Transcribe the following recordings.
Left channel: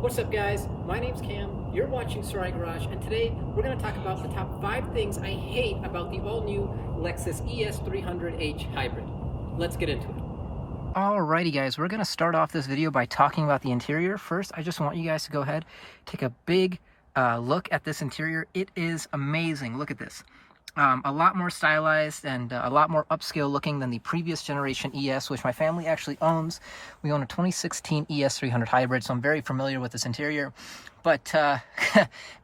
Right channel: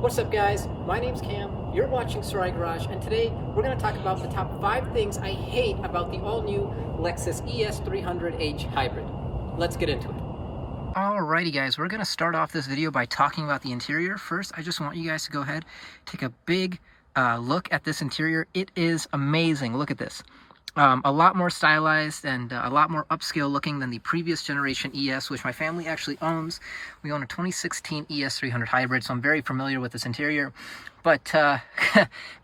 What's up guys, my name's Cam, you're watching Sarai Garage, and today we're going to talk about the top 5 things I hate about the all-new Lexus ES 300h Hybrid. Let's get into it. Alrighty guys, we're going to start off this video by talking about the interior. First, I just want you guys to go ahead, take a big look at this interior. It is amazing, look at this. A lot more stylized and a lot more upscale looking than the previous generation ES, which my family actually owns. We own a 2016 ES 300 Hybrid, so I'm very familiar with this interior. But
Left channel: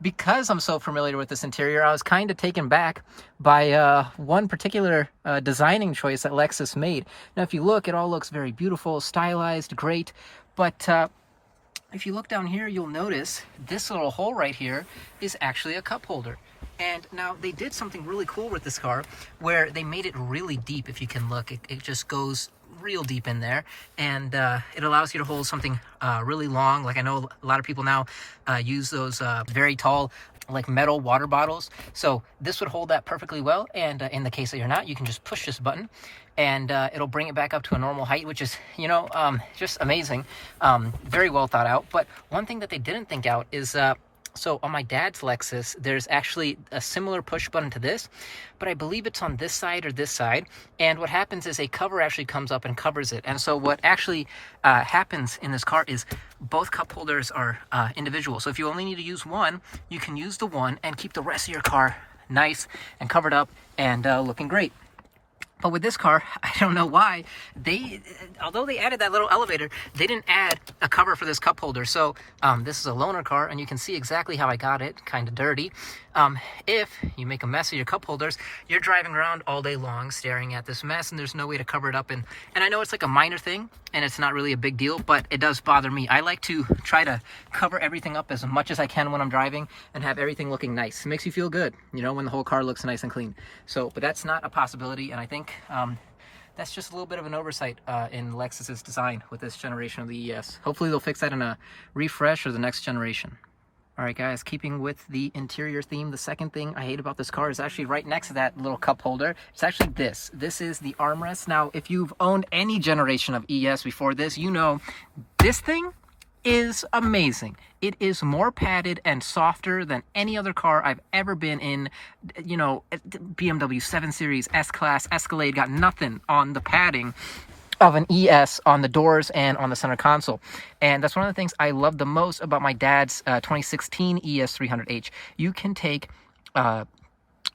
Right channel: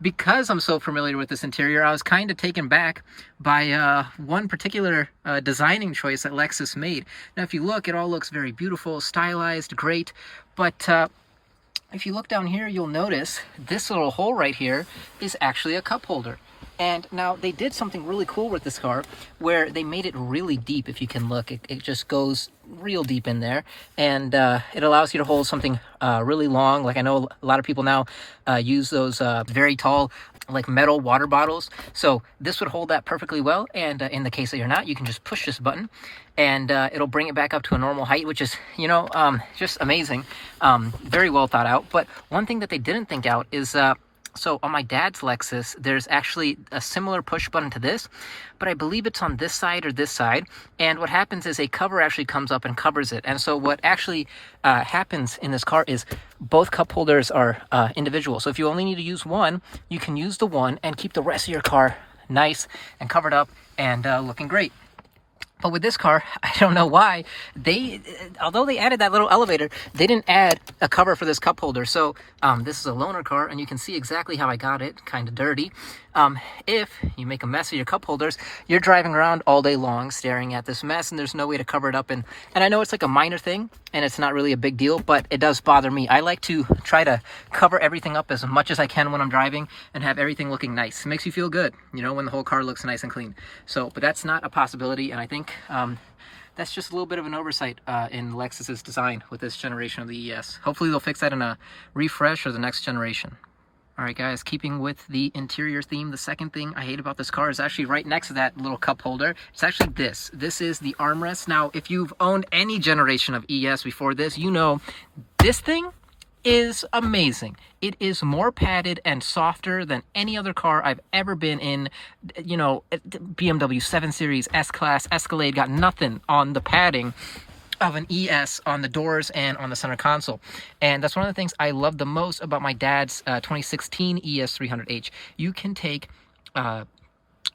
because I'm so familiar with this interior, I was kind of taken back by one particular designing choice that Lexus made. Now, if you look, it all looks very beautiful, stylized, great. But if you look down here, you'll notice this little hole right here is actually a cup holder. And now they did something really cool with this car where they made it really deep. If you can look, it just goes real deep in there, and it allows you to hold something really long. Like I know a lot of people now use those very tall like metal water bottles, so this would hold that perfectly well. And in the case that you're not, you can just push this button and it'll bring it back up to a normal height, which is, you know, just amazing. Very well thought out. But one thing that they didn't think out is so on my dad's Lexus, there's actually a similar push button to this, but I believe it's on this side or this side. And what happens is a cover actually comes up and covers it. And so what actually happens in this car is both cup holders are individual. So if you only need to use one, you can use the one and keep the rest of your car nice and covered up and looking great. But with this car, I don't know why, although they added that little elevator, they didn't add a cover for this cup holder. So this is a loaner car, and you can see exactly how I got it, kind of dirty. If you make a mess of your cup holders, you're driving around all day long staring at this mess, and there's no way to cover it up. And I know it's like a minor thing, and it's not really a big deal, but it does bother me. I like to try to cover everything up as much as I can when I'm driving and have everything looking nice. It makes you feel good, you know, when the whole car looks nice and clean. So, but that's not a possibility, and I think that's just a little bit of an oversight in Lexus's design with this generation of the ES. Hopefully they'll fix that in a refresh or the next generation. All right, guys, keeping with the interior theme, the second thing I hate about this car is actually right next to that little cup holder. It's actually this. This is the armrest. Now, if you've owned any generation of ES before this, you know this thing is amazing. It is more padded and softer than any other car I've ever been in. You know, BMW 7 Series, S-Class, Escalade got nothing on the padding of an ES on the doors and on the center console. And that's one of the things I love the most about my dad's 2016 ES 300h. You can take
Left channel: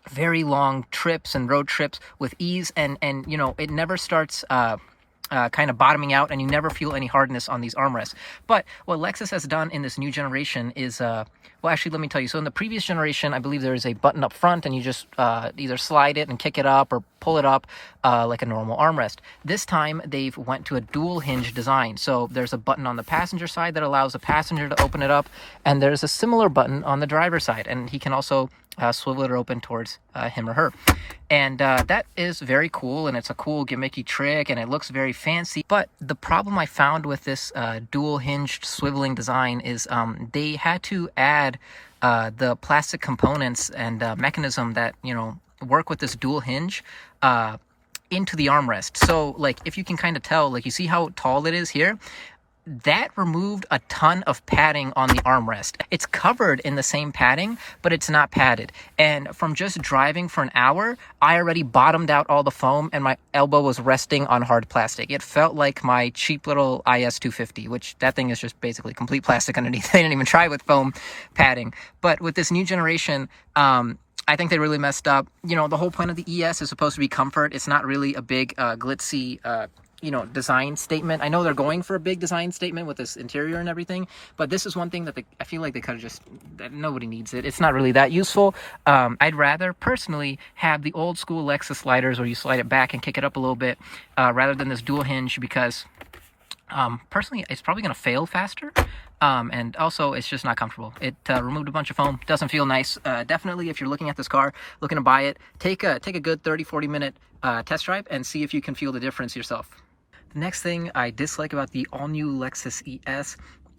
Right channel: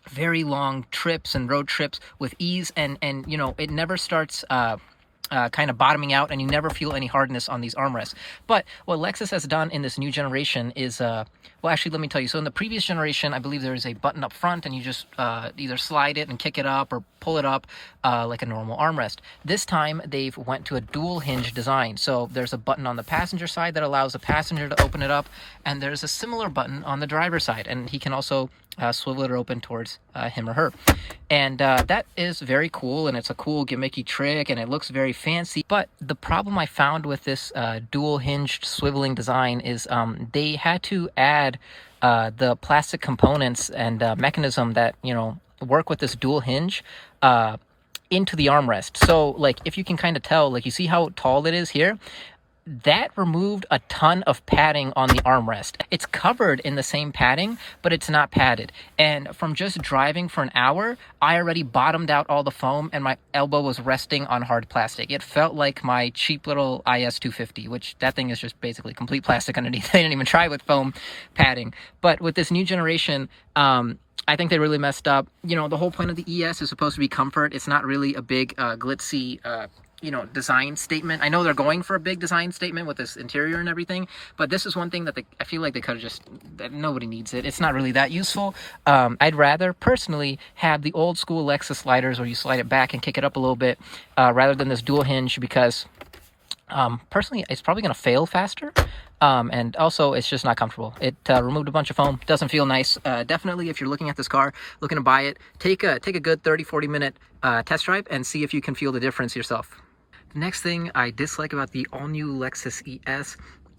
very long trips and road trips with ease, and you know, it never starts kind of bottoming out, and you never feel any hardness on these armrests. But what Lexus has done in this new generation is, well, actually, let me tell you. So in the previous generation, I believe there is a button up front, and you just either slide it and kick it up or pull it up like a normal armrest. This time, they've went to a dual hinge design. So there's a button on the passenger side that allows the passenger to open it up, and there's a similar button on the driver's side, and he can also swivel it open towards him or her. And that is very cool, and it's a cool gimmicky trick, and it looks very fancy. But the problem I found with this dual hinged swiveling design is they had to add the plastic components and mechanism that, you know, work with this dual hinge into the armrest. So like, if you can kind of tell, like, you see how tall it is here? That removed a ton of padding on the armrest. It's covered in the same padding, but it's not padded. And from just driving for an hour, I already bottomed out all the foam, and my elbow was resting on hard plastic. It felt like my cheap little IS 250, which that thing is just basically complete plastic underneath. They didn't even try with foam padding. But with this new generation, I think they really messed up. You know, the whole point of the ES is supposed to be comfort. It's not really a big glitzy you know, design statement. I know they're going for a big design statement with this interior and everything, but this is one thing that I feel like they could have just, that nobody needs it. It's not really that useful. I'd rather personally have the old school Lexus sliders where you slide it back and kick it up a little bit rather than this dual hinge, because personally it's probably going to fail faster. And also it's just not comfortable. It removed a bunch of foam. Doesn't feel nice. Definitely, if you're looking at this car, looking to buy it, take a good 30-40 minute test drive and see if you can feel the difference yourself. The next thing I dislike about the all-new Lexus ES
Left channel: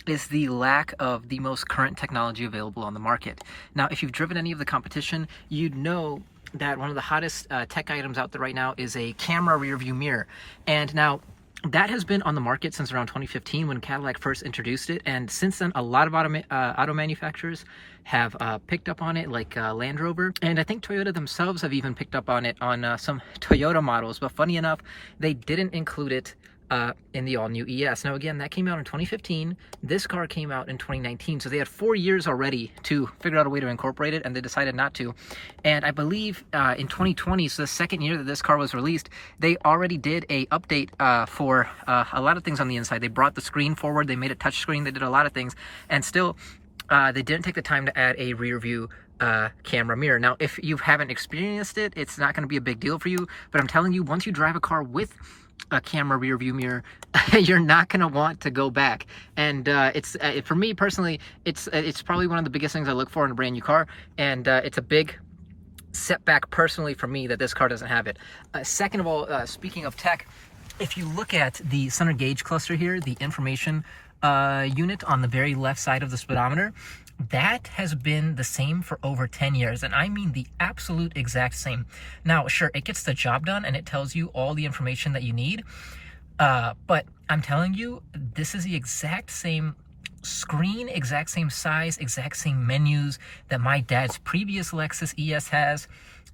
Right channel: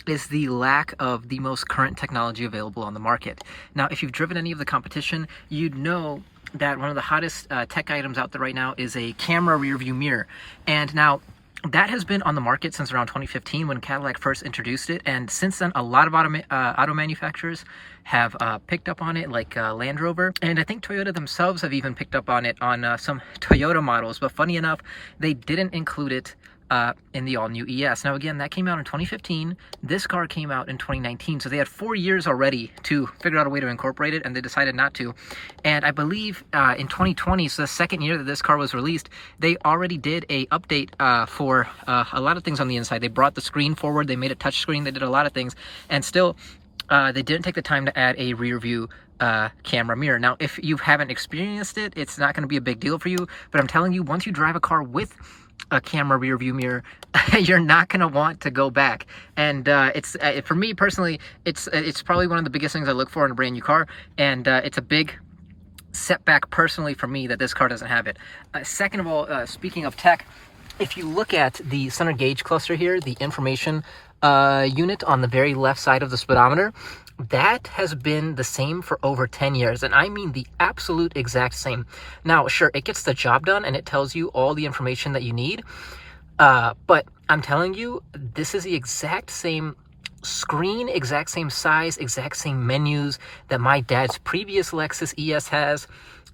is the lack of the most current technology available on the market. Now, if you've driven any of the competition, you'd know that one of the hottest tech items out there right now is a camera rear view mirror. And now, that has been on the market since around 2015 when Cadillac first introduced it, and since then a lot of auto manufacturers have picked up on it, like Land Rover, and I think Toyota themselves have even picked up on it on some Toyota models. But funny enough, they didn't include it in the all-new ES. Now again, that came out in 2015. This car came out in 2019, so they had 4 years already to figure out a way to incorporate it, and they decided not to. And I believe in 2020, so the second year that this car was released, they already did a update for a lot of things on the inside. They brought the screen forward, they made a touch screen, they did a lot of things, and still they didn't take the time to add a rear view camera mirror. Now, if you haven't experienced it, it's not going to be a big deal for you, but I'm telling you, once you drive a car with a camera rear view mirror, you're not going to want to go back. And it's for me personally, it's probably one of the biggest things I look for in a brand new car, and it's a big setback personally for me that this car doesn't have it. Second of all, speaking of tech, if you look at the center gauge cluster here, the information unit on the very left side of the speedometer, that has been the same for over 10 years, and I mean the absolute exact same. Now, sure, it gets the job done and it tells you all the information that you need, but I'm telling you, this is the exact same screen, exact same size, exact same menus that my dad's previous Lexus ES has,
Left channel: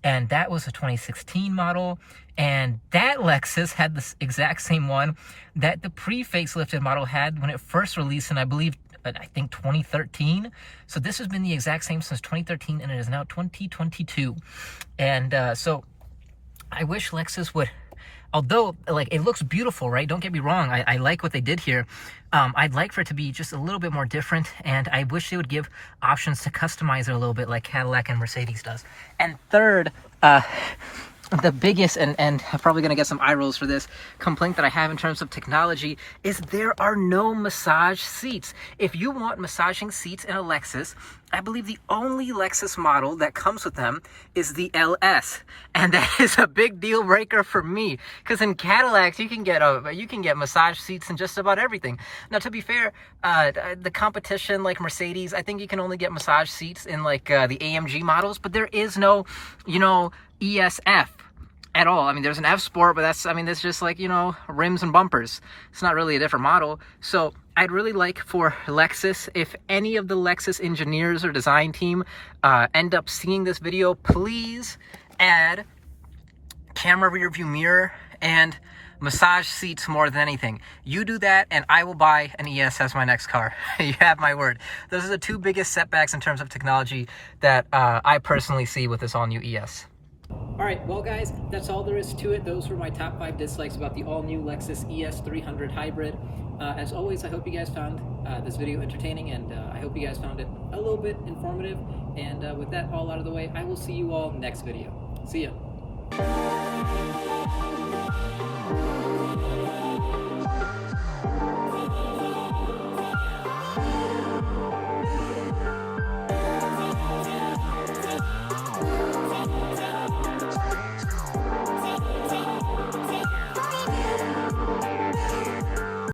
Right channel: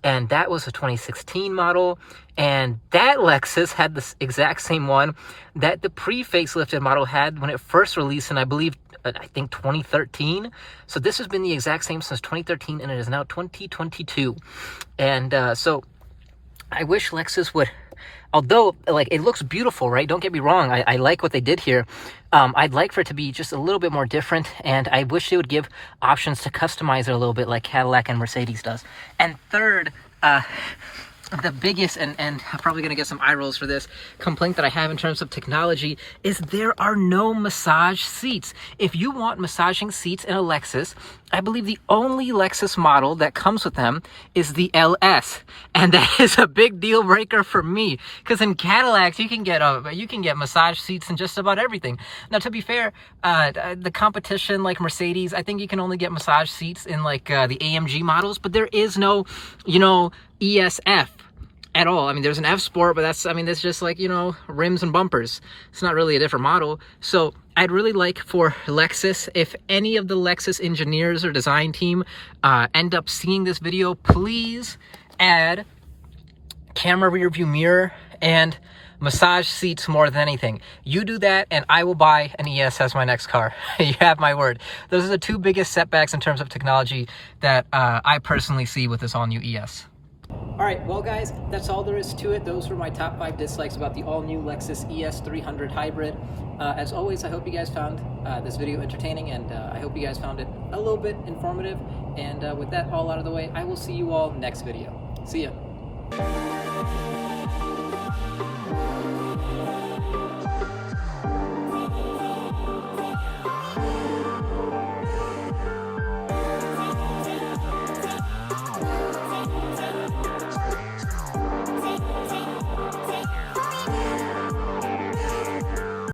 and that was a 2016 model, and that Lexus had the exact same one that the pre-facelifted model had when it first released, and I think 2013. So this has been the exact same since 2013, and it is now 2022. And so I wish Lexus would, although like it looks beautiful, right? Don't get me wrong. I like what they did here. I'd like for it to be just a little bit more different, and I wish they would give options to customize it a little bit like Cadillac and Mercedes does. And third, the biggest, and I'm probably going to get some eye rolls for this, complaint that I have in terms of technology is there are no massage seats. If you want massaging seats in a Lexus, I believe the only Lexus model that comes with them is the LS, and that is a big deal breaker for me, because in Cadillacs you can get massage seats in just about everything. Now, to be fair, the competition like Mercedes, I think you can only get massage seats in like the AMG models, but there is no, ESF at all. I mean, there's an F Sport, but that's just like, rims and bumpers. It's not really a different model. So I'd really like for Lexus, if any of the Lexus engineers or design team end up seeing this video, please add camera rear view mirror and massage seats more than anything. You do that and I will buy an ES as my next car. You have my word. Those are the two biggest setbacks in terms of technology that I personally see with this all-new ES. All right, well guys, that's all there is to it. Those were my top 5 dislikes about the all-new Lexus ES 300 Hybrid. As always, I hope you guys found this video entertaining, and I hope you guys found it a little bit informative. And with that all out of the way, I will see you all next video. See ya.